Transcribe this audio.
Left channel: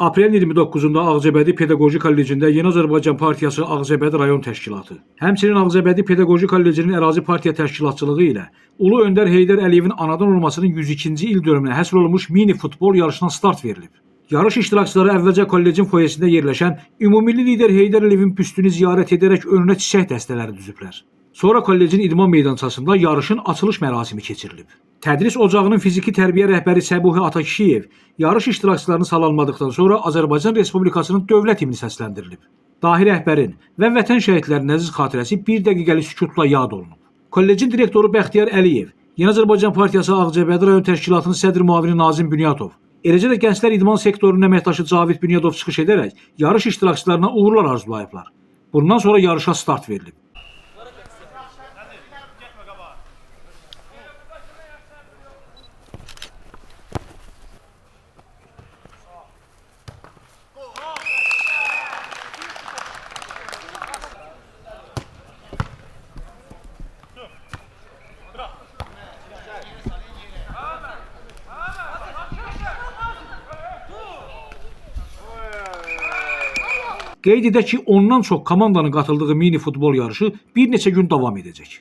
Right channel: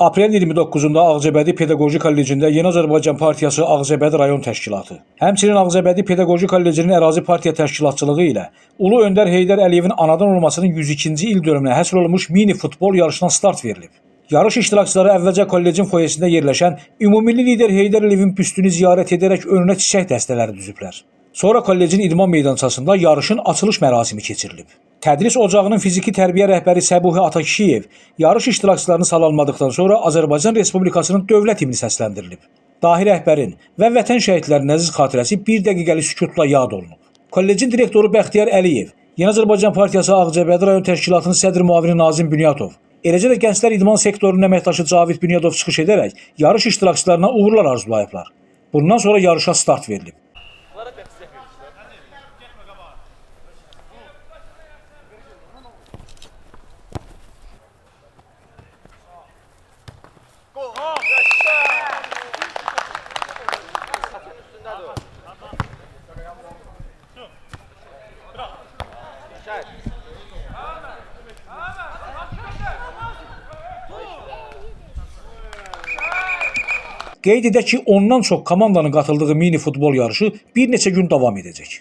Aprel 29-da Ağcabədi Pedaqoji Kollecində Yeni Azərbaycan Partiyası Ağcabədi rayon təşkilatı, həmçinin Ağcabədi Pedaqoji Kollecinin ərazi partiya təşkilatçılığı ilə Ulu Öndər Heydər Əliyevin anadan olmasının 102-ci il dönümünə həsr olunmuş mini futbol yarışına start verilib. Yarış iştirakçıları əvvəlcə kollecin foyesində yerləşən ümumilli lider Heydər Əliyevin büstünü ziyarət edərək önünə çiçək dəstələri düzüblər. Sonra kollecin idman meydançasında yarışın açılış mərasimi keçirilib. Tədris ocağının fiziki tərbiyə rəhbəri Səbuhi Atakişiyev yarış iştirakçılarını salamladıqdan sonra Azərbaycan Respublikasının dövlət himni səsləndirilib. Dahi rəhbərin və vətən şəhidlərinin əziz xatirəsi bir dəqiqəlik sükutla yad olunub. Kollecin direktoru Bəxtiyar Əliyev, Yeni Azərbaycan Partiyası Ağcabədi rayon təşkilatının sədr müavini Nazim Bünyatov, eləcə də gənclər idman sektorunun əməkdaşı Cavid Bünyatov çıxış edərək yarış iştirakçılarına uğurlar arzulayıblar. Bundan sonra yarışa start verilib. Qeyd edək ki, ondan çox komandanın qatıldığı mini futbol yarışı bir neçə gün davam edəcək.